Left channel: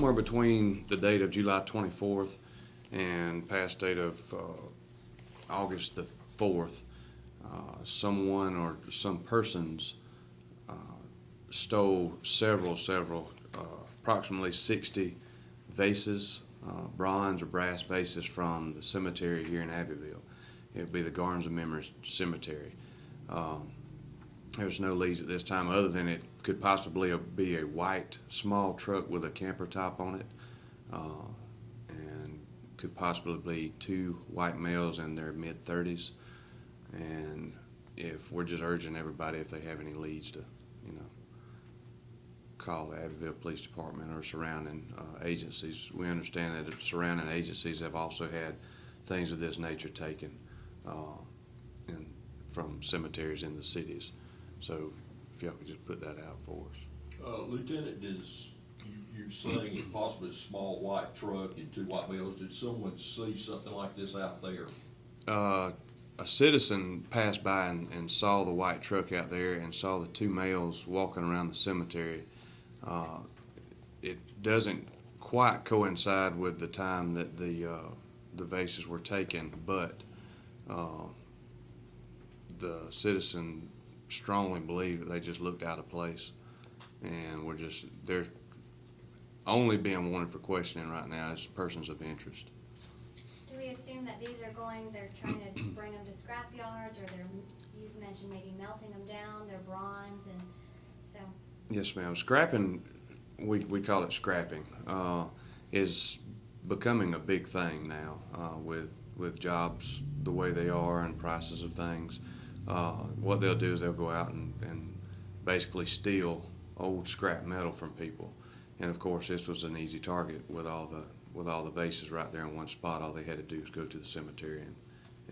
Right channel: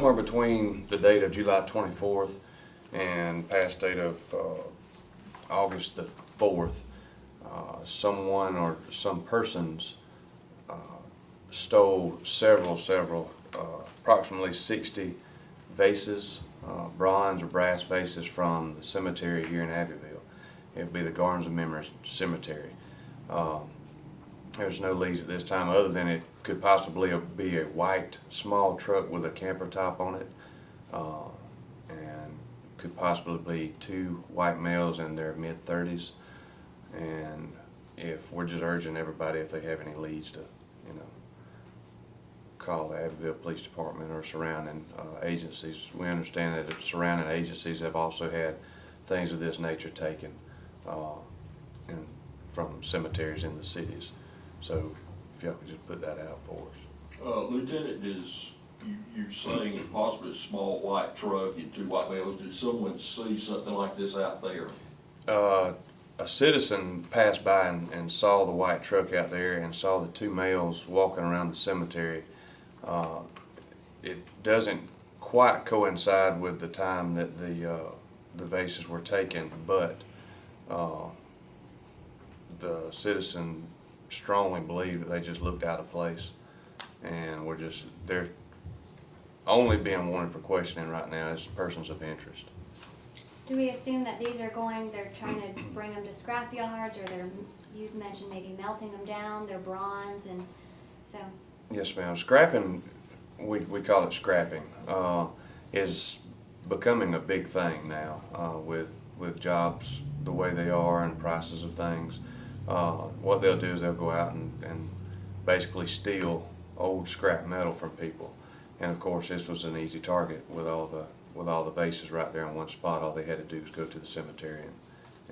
somewhere between the date of July 24th and past date of August the 4th, someone or some persons stole several, approximately 60 vases, bronze or brass vases from the cemetery here in Abbeville. It would be the Gardens of Memory Cemetery. There's no leads at this time other than it could possibly be a white small truck with a camper top on it, and could possibly be two white males in their mid-30s. And if we're just urging everybody, if they have any leads, to call the Abbeville Police Department or surrounding agencies. We understand that the surrounding agencies have also had things of this nature taken from cemeteries in the cities. So if y'all could just put that out for us. Lieutenant, you're saying possibly a small white truck and two white males. Did someone see something like this out there? A citizen passed by and saw the white truck out there and saw the two males walking around the cemetery. It doesn't quite coincide with the time that the vases were taken, but the citizen strongly believed that they just looked out of place, and they're only being wanted for questioning right now as persons of interest. Do we assume that they're trying to bring them to scrap yards, or you've mentioned maybe melting them down, they're bronze, and so? Yes, ma'am. Scrapping, we call it scrapping, is becoming a big thing now with jobs the way they are and prices of things. What they'll do is they'll go out and basically steal old scrap metal from people. And of course, this was an easy target with all the vases right there in one spot. All they had to do was go to the cemetery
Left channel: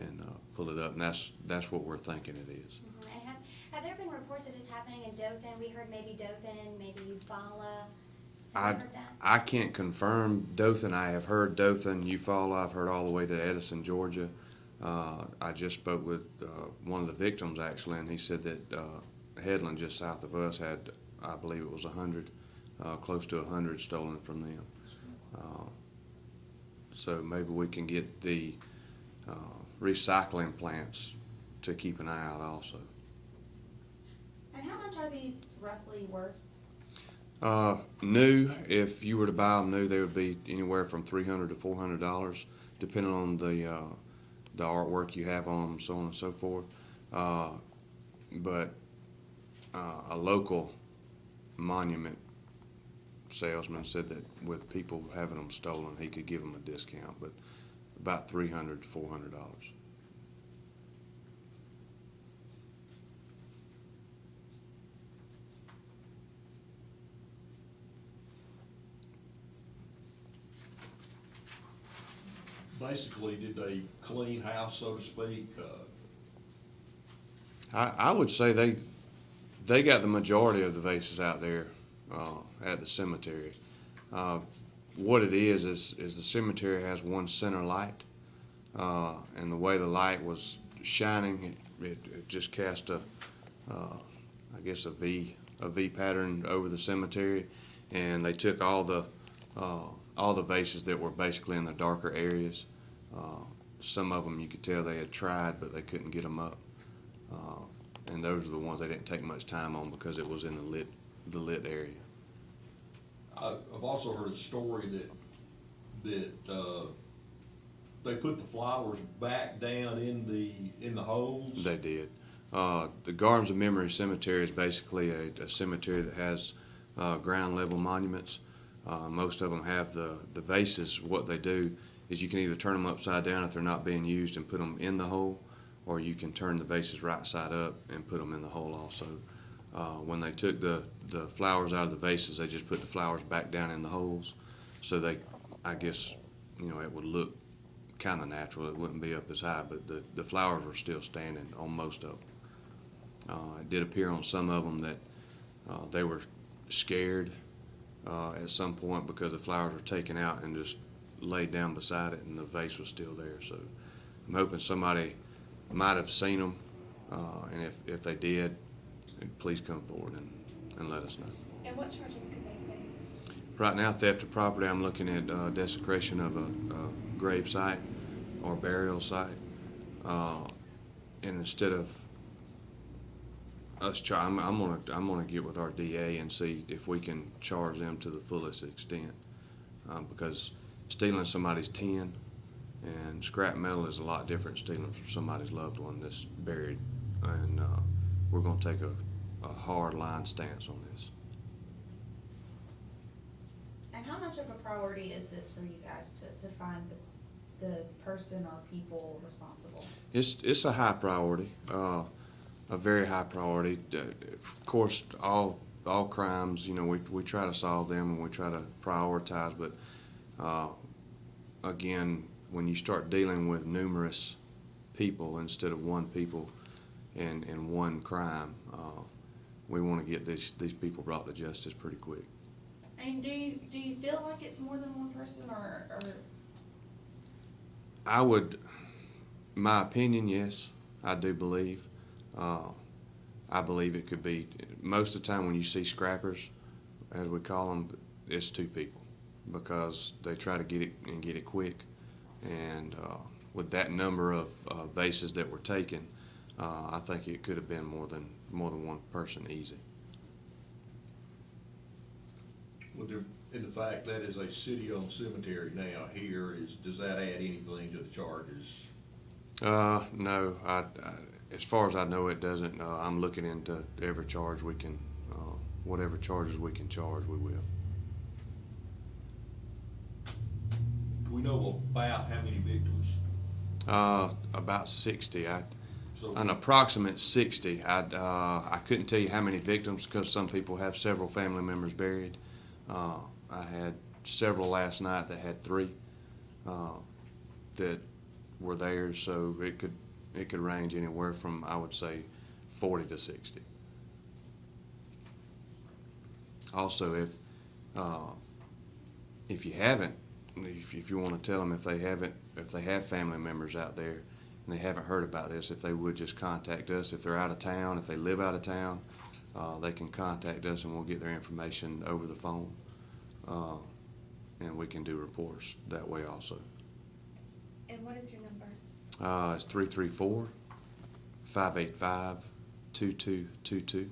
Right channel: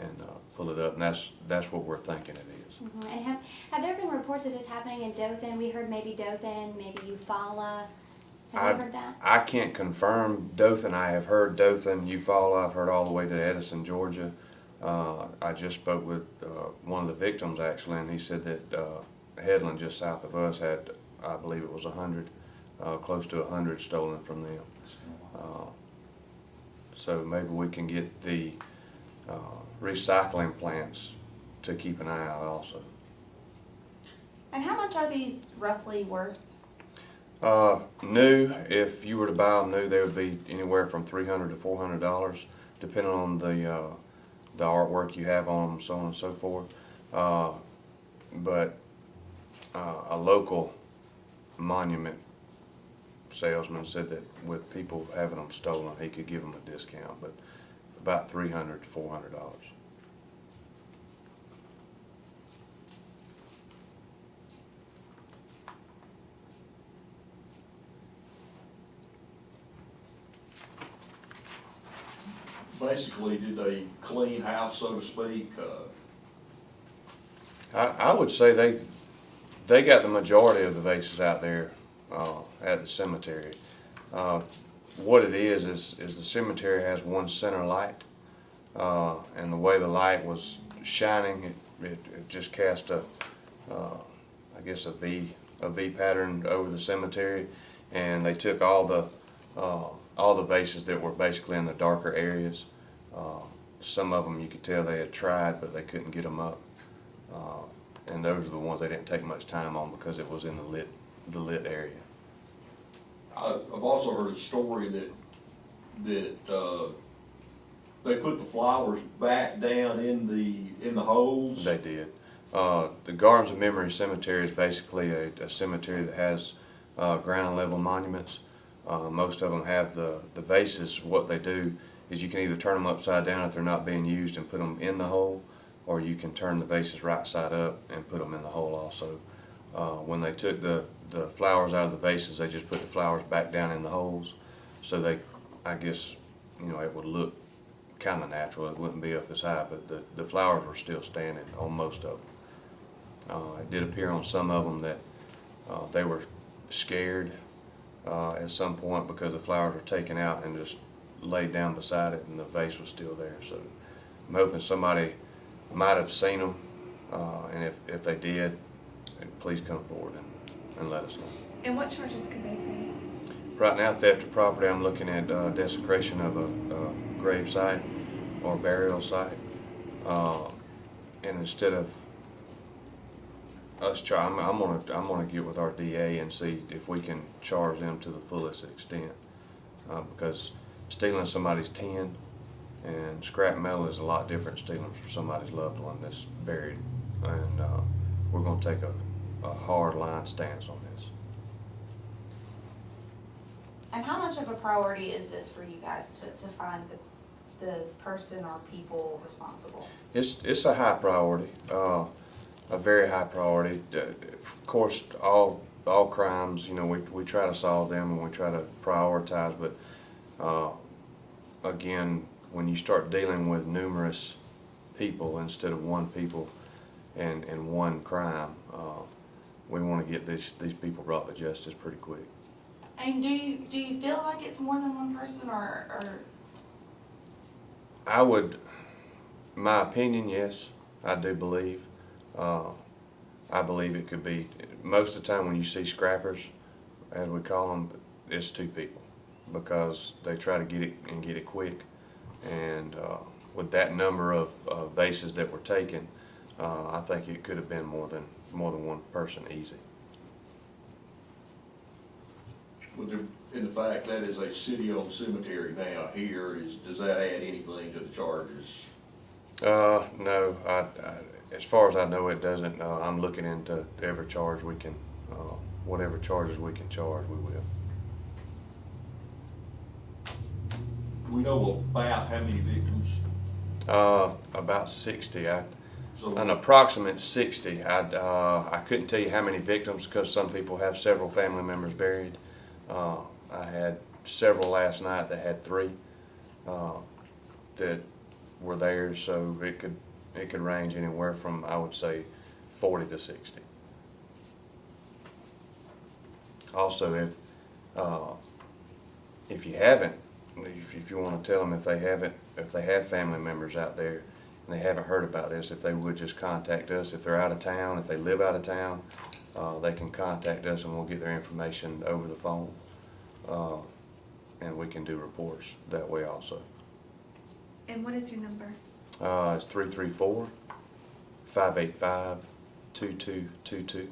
and pull it up, and that's what we're thinking it is. Mm-hmm. And have there been reports of this happening in Dothan? We heard maybe Dothan, maybe Eufaula. Have you heard that? I can't confirm Dothan. I have heard Dothan, Eufaula. I've heard all the way to Edison, Georgia. I just spoke with one of the victims actually, and he said that Headland, just south of us, had, I believe it was 100, close to 100 stolen from them. So maybe we can get the recycling plants to keep an eye out also. And how much are these roughly worth? New, if you were to buy them new, they would be anywhere from $300 to $400, depending on the artwork you have on them, so on and so forth. But a local monument salesman said that with people having them stolen, he could give them a discount, but about $300 to $400. Basically, did they clean house, so to speak? I would say they got the majority of the vases out there at the cemetery. What it is the cemetery has one center light, and the way the light was shining, it just cast I guess a V pattern over the cemetery, and they took all the vases that were basically in the darker areas. Some of them you could tell they had tried, but they couldn't get them up. And those are the ones they didn't take much time on because it was in the lit area. I've also heard a story that they put the flowers back down in the holes. They did. The Gardens of Memory Cemetery is basically a cemetery that has ground level monuments. Most of them have the vases. What they do is you can either turn them upside down if they're not being used and put them in the hole, or you can turn the vases right side up and put them in the hole also. When they took the flowers out of the vases, they just put the flowers back down in the holes, so I guess, it would look kind of natural. It wouldn't be up as high, but the flowers were still standing on most of them. It did appear on some of them that they were scared at some point because the flowers were taken out and just laid down beside it, and the vase was still there. So I'm hoping somebody might have seen them, and if they did, please come forward and let us know. And what charges could they face? Right now, theft of property, I'm looking at desecration of a grave site or burial site. And instead of us I'm gonna get with our DA and see if we can charge them to the fullest extent. Because stealing somebody's tin and scrap metal is a lot different than stealing from somebody's loved one that's buried. And we're gonna take a hard line stance on this. And how much of a priority is this for you guys to find the person or people responsible? It's a high priority, a very high priority. Of course, all crimes, you know, we try to solve them and we try to prioritize, but again, when you start dealing with numerous people instead of one people and one crime, we want to get these people brought to justice pretty quick. And do you feel like it's more than one person, or? I would, my opinion, yes, I do believe. I believe it could be, most of the time when you see scrappers, as we call them, it's two people because they try to get it quick. And with that number of vases that were taken, I think it could have been more than one person easy. In the fact that is a city-owned cemetery now here, does that add anything to the charges? No, as far as I know, it doesn't. I'm looking into every charge we can, whatever charges we can charge, we will. Do we know about how many victims? About 60. So An approximate 60. I couldn't tell you how many victims because some people have several family members buried. I had several last night that had 3 that were there, so it could range anywhere from, I would say, 40 to 60. Also, if you haven't, if you want to tell them if they have family members out there and they haven't heard about this, if they would just contact us. If they're out of town, if they live out of town, they can contact us and we'll get their information over the phone. And we can do reports that way also. And what is your number? It's 334-585-2222.